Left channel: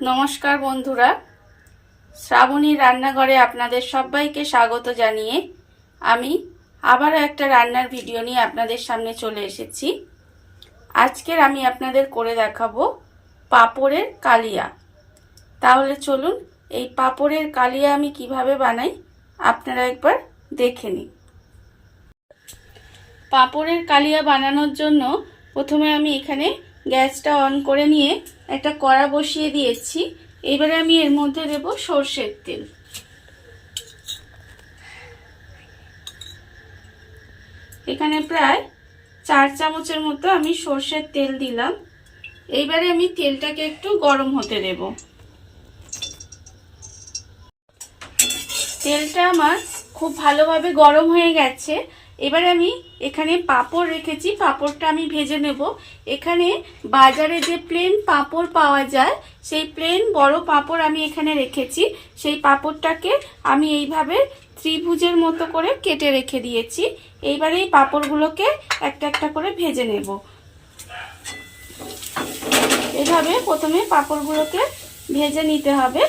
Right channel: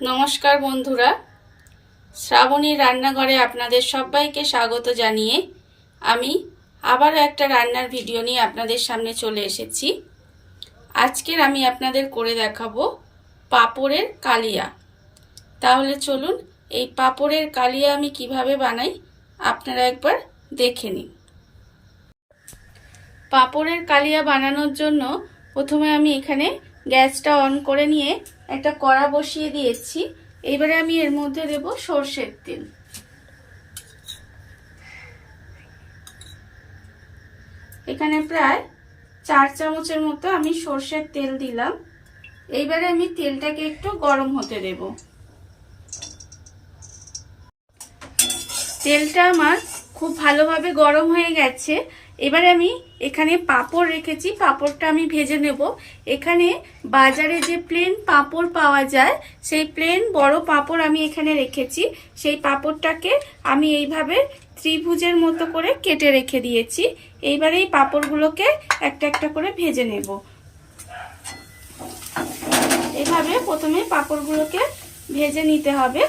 নমস্কার বন্ধুরা, শ্রাবণী রান্নাঘরে আপনাদের সবাইকে স্বাগত জানিয়ে আমি আবারও একটা রান্নার ভিডিও নিয়ে আপনাদের সামনে চলে এসেছি। আজকের আমি আপনাদের করে দেখাবো পাঁপড়ের কালিয়া। তাহলে চলুন এই পাঁপড়ের কালিয়া আমি কিভাবে বানাই আপনারা একবার দেখে নিন। পাঁপড়ের কালিয়া বানানোর জন্য প্রথমে আমি এখানে গ্যাসটা অন করে নিয়ে একটা কড়া বসিয়ে দিয়েছি। এবারে আমি এর মধ্যে দেব সরষের তেল। এখানে প্রায় 4 চামচের মতো আমি সরষের তেল দিলাম। এইবারে আমি তেলটাকে একটু গরম হতে দেব। তেলটা আমার খুব ভালোভাবে গরম হয়ে গেছে। এবারে আমি এখানে পাঁপড় রেখেছি, পাঁপড়টা আমি ভেজে নেব। এখানে বাজারে যে প্লেন পাঁপড় পাওয়া যায় সেই প্লেন বড় পাঁপড় আমি এখানে রেখেছি। সেই পাঁপড়টাকে আমি এইভাবে ত্রিভুজের মতো করে কেটে রেখে দিয়েছি। এইবারে এই পাঁপড়গুলোকে একটা একটা করে ভেজে নেব। এইভাবে প্রথমে পাঁপড়গুলোকে ভেজে নিতে হবে।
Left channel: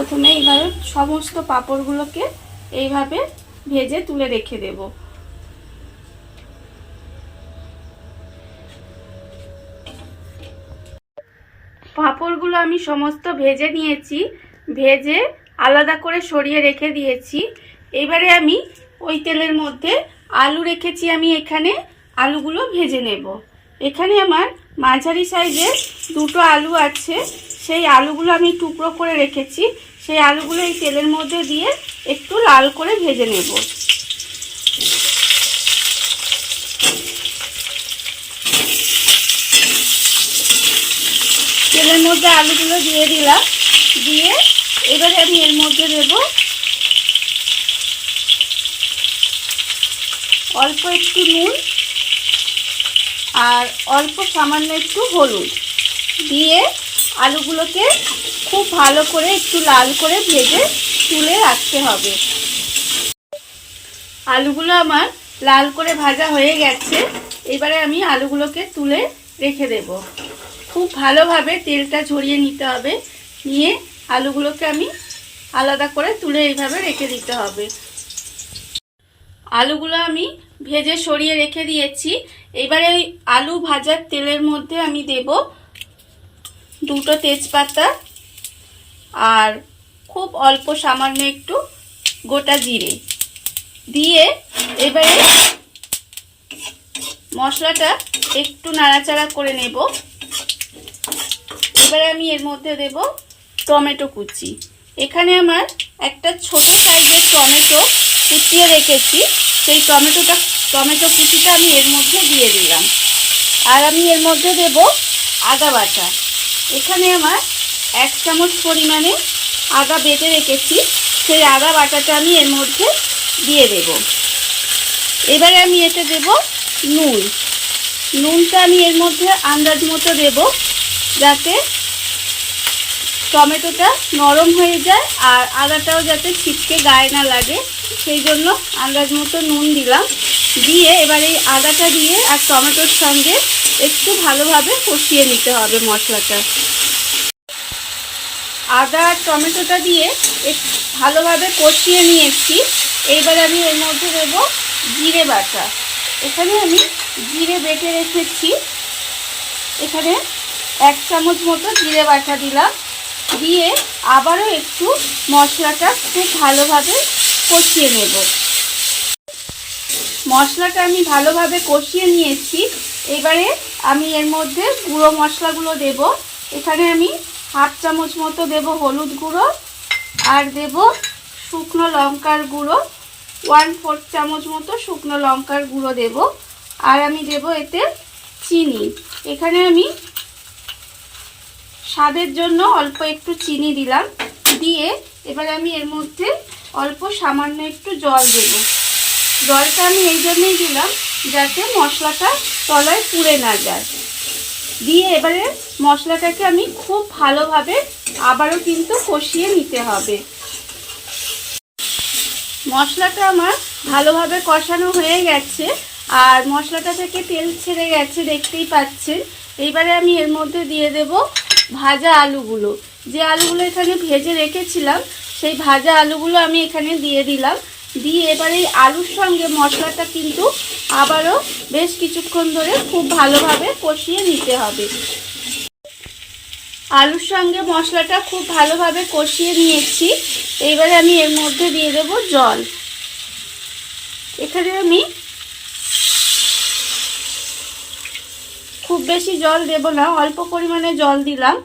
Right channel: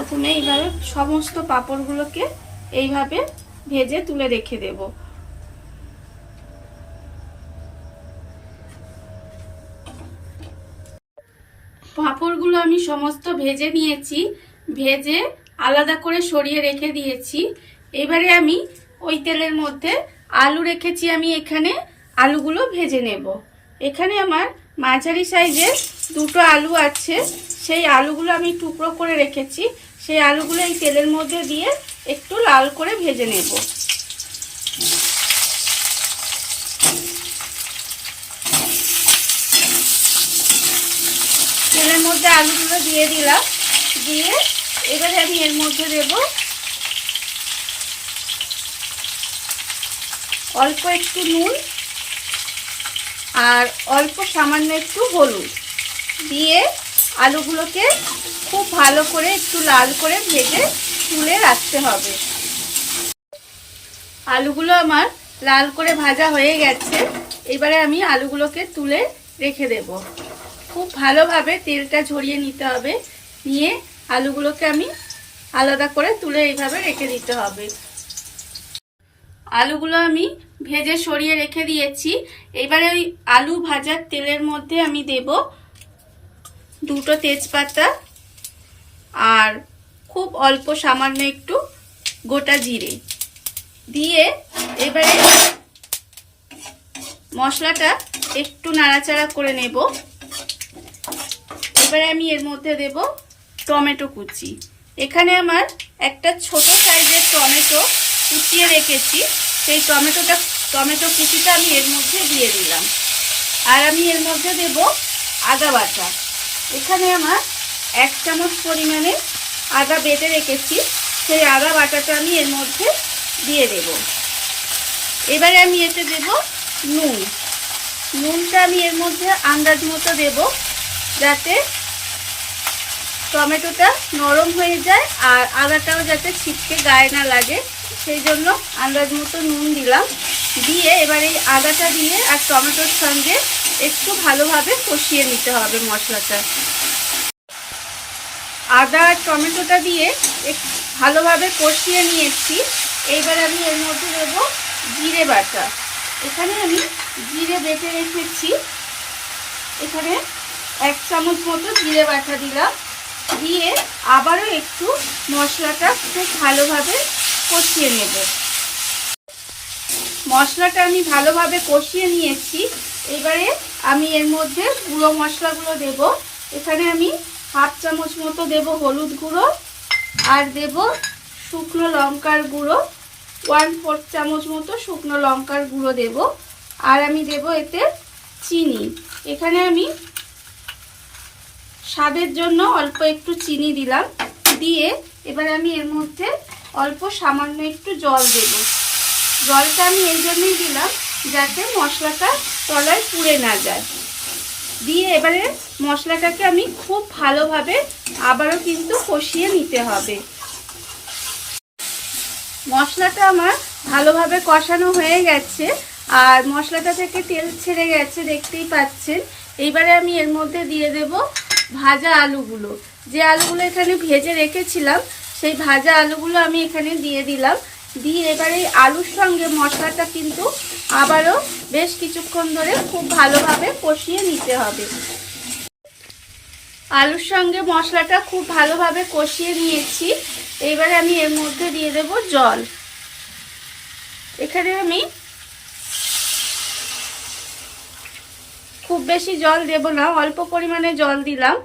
প্রথমে এইভাবে সমস্ত পাঁপড়গুলোকে এইভাবে ভেজে তুলে রেখে দেব। পাঁপড়গুলো আমি সমস্ত ভেজে নিয়েছি, ভেজে আলাদা করে সরিয়ে রেখে দিয়েছি। এবারে আমি ওই তেলের মধ্যে আলু রেখেছি, আমি এখানে আলুগুলো ভেজে নেব। এখানে আমার মাঝারি সাইজের 2টো আলু আছে, সেই আলুগুলো আমি টুকরো করে রেখেছি। সেই আলুগুলো এই তেলের মধ্যে দিয়ে একটু লাল করে ভেজে নেব। তেলের মধ্যে আলুগুলো দিয়ে দিলাম, দিয়ে এবারে আমি এর মধ্যে দেব অল্প একটু নুন আর অল্প সামান্য একটু হলুদ দিয়ে আলুগুলোকে খুব ভালো করে একটু লাল করে ভেজে তুলে রাখতে হবে। আলুগুলো আমার লাল করে ভাজা হয়ে গেছে। এবারে আমি আলুগুলোকে তুলে রেখে দেব। খুব ভালোভাবে তেলটা ঝরিয়ে নিতে হবে, নিয়ে আলুগুলোকে আমি আলাদা করে তুলে এইভাবে রেখে দিতে হবে। আলুগুলো আমি ভেজে সরিয়ে রেখে দিয়েছি। এবারে ওই আলু ভাজার তেলের মধ্যে আমি দেব 2টো তেজপাতা আর খুব অল্প সামান্য একটু গোটা জিরে দিয়ে এবারে মশলাটা একটু নাড়াচাড়া করে নেব। এবারে আমি এর মধ্যে দেব টমেটো কুচি। এখানে আমার একটা ছোট সাইজের টমেটো কুচিয়ে রেখেছি, সেই টমেটো কুচিটা আমি এর মধ্যে দিয়ে দিলাম। আর আমি এর মধ্যে দেব আদা বাটা। এখানে আমার 1 চামচ পরিমাণে আদা বেটে রেখেছি, সেই আদা বাটাটা আমি এর মধ্যে দিয়ে দেব। এবারে আমি এতে দেব নুনটা আমি এর মধ্যে আন্দাজ মতো দেব, যাতে টমেটোটা নরম হয়ে যায় আর আদাটাও যাতে ছিটকে গায়ে না লাগে, সেই জন্য আন্দাজ মতো নুন দিলাম। দিয়ে এবার এই আদাটা দিয়ে আর টমেটোর সঙ্গে একটু ভালোভাবে কষিয়ে নিতে হবে মশলাটা। আদা আর টমেটোটা দিয়ে একটু ভালোভাবে কষিয়ে নিয়েছি। এইবার আমি এর মধ্যে দেব জিরে বাটা। এখানে আমি জিরে বেটে রেখেছি, এখানে 1 চামচ মতো জিরে বাটা দিলাম। দিয়ে আবারও একটু মশলাটা খুব ভালোভাবে কষিয়ে নেব। মশলাটা আমি ভালোভাবে কষিয়ে নিয়েছি। এবারে আমি এর মধ্যে গুঁড়ো মশলাগুলো দেব। এখানে আমি 1/2 চামচ মতো দেব হলুদ গুঁড়ো আর দেব শুকনো লঙ্কার গুঁড়ো, 1/4 চামচ মতো শুকনো লঙ্কার গুঁড়ো দেব। আর আমি দেব এতে চিনি। এখানে আমি স্বাদের জন্য অল্প একটু চিনি দিলাম। দিয়ে এবার আমি এর মধ্যে অল্প সামান্য একটু জল দেব। জলটা আমি এই জন্যই দিলাম যাতে মশলাটা তলায় পুড়ে না যায়। দিয়ে এবারে মশলাটাকে আমি খুব ভালোভাবে আবারও কিন্তু কষিয়ে নিতে হবে। মশলাটা আমার ভালোভাবে কষানো হয়ে গেছে। আর মশলাটা থেকে তেল ছেড়ে গেছে, দেখতেই পাচ্ছেন। এইবারে আমি এর মধ্যে দিয়ে দেব ভাজা আলুগুলো। যে আলুগুলো এখানে ভেজে রেখেছিলাম সেই ভাজা আলুগুলো আমি এখানে দিয়ে দিলাম। দিয়ে এবারে এই আলুর সঙ্গে মশলাটা কিন্তু আবারও বেশ কিছুক্ষণ ধরে খুব ভালোভাবে কষিয়ে নিতে হবে। আলুর সঙ্গে মশলাটা খুব ভালোভাবে কষিয়ে নিয়েছি। এইবারে আমি এর মধ্যে দিয়ে দেব জল। এখানে আমি খুব বেশি জল দেব না, অল্প পরিমাণে জল দিলাম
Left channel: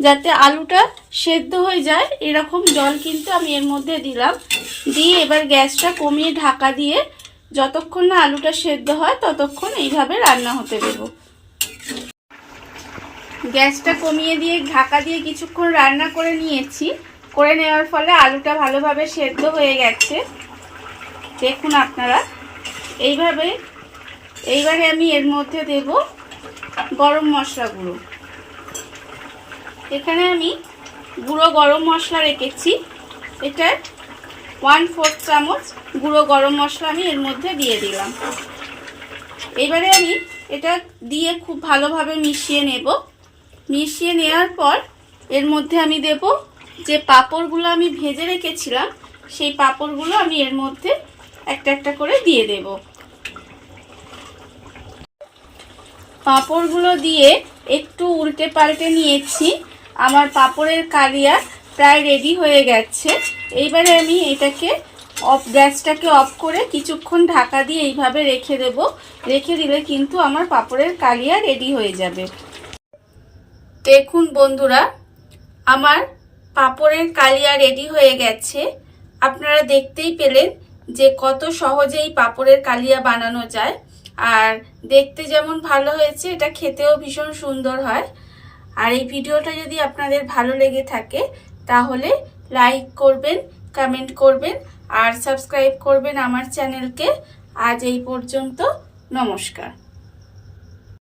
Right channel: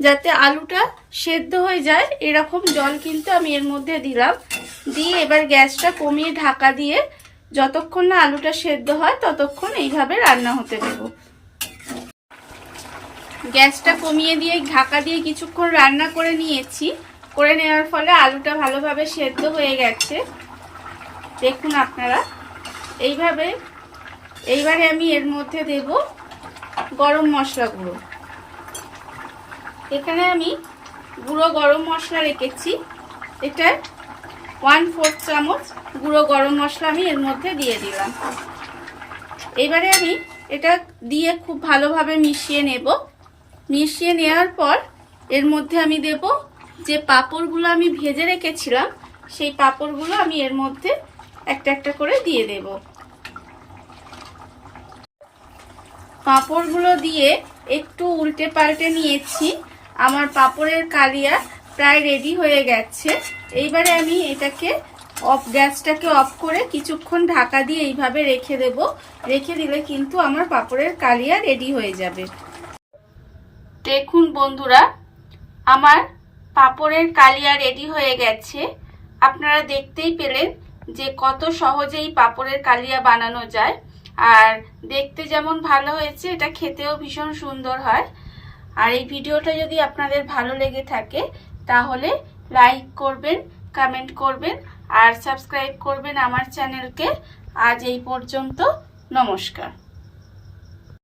যাতে আলুটা সেদ্ধ হয়ে যায়। এরকম জল কিন্তু আমি এর মধ্যে দিলাম। দিয়ে এবার গ্যাসটা কমিয়ে ঢাকা দিয়ে যতক্ষণ না আলুটা সেদ্ধ হয় ততক্ষণ এইভাবে রান্না হতে দেব। গ্যাসটা কমিয়ে দিয়ে ঢাকা দিয়ে কিছুক্ষণ রান্না করে নিয়েছি। করে নেওয়ার ফলে আলুটা ভালোভাবে সেদ্ধ হয়ে গেছে, দেখুন আপনারা। এইবারে আমি এর মধ্যে দেব গরম মশলা গুঁড়ো। এখানে আমি গুঁড়ো গরম মশলা রেখেছি, এটা 1/4 চামচ গুঁড়ো গরম মশলা আমি এর মধ্যে দিয়ে দিলাম। এবারে আমি এটা দিয়ে খুব ভালোভাবে মিশিয়ে নেব। মিশিয়ে নেওয়ার পর এর মধ্যে আমি দেব যে পাঁপড়গুলো আমি ভেজে রেখেছিলাম, সেই পাঁপড়গুলো আমি এর মধ্যে একটা একটা করে দিয়ে দেব। পাঁপড়গুলো দিয়ে একটু উল্টে পাল্টে নিয়েছি। আমার পাঁপড়ের কালিয়া প্রায় রেডি হয়ে গেছে। এইবারে আমি এটাকে গ্যাসটাকে অফ করে কিছুক্ষণ ঢাকা দিয়ে এইভাবে রেখে দেব। রেখে দিলে কিন্তু আমার পাঁপড়ের কালিয়া রেডি হয়ে যাবে। দেখুন বন্ধুরা, আমার পাঁপড়ের কালিয়া রেডি হয়ে গেছে। আপনারা দেখতেই পেলেন যে কত সহজেই পাঁপড়ের কালিয়া বানানো যায়। আর দেখতে যেমন ভালো হয়েছে, এটা খেতেও ভীষণ সুন্দর হয়। আর এই ভিডিওটা যদি আপনাদের ভালো লেগে থাকে তাহলে লাইক করবেন, কমেন্ট করবেন আর সাবস্ক্রাইব করবেন আমার চ্যানেলকে। আজ এই পর্যন্ত, নমস্কার।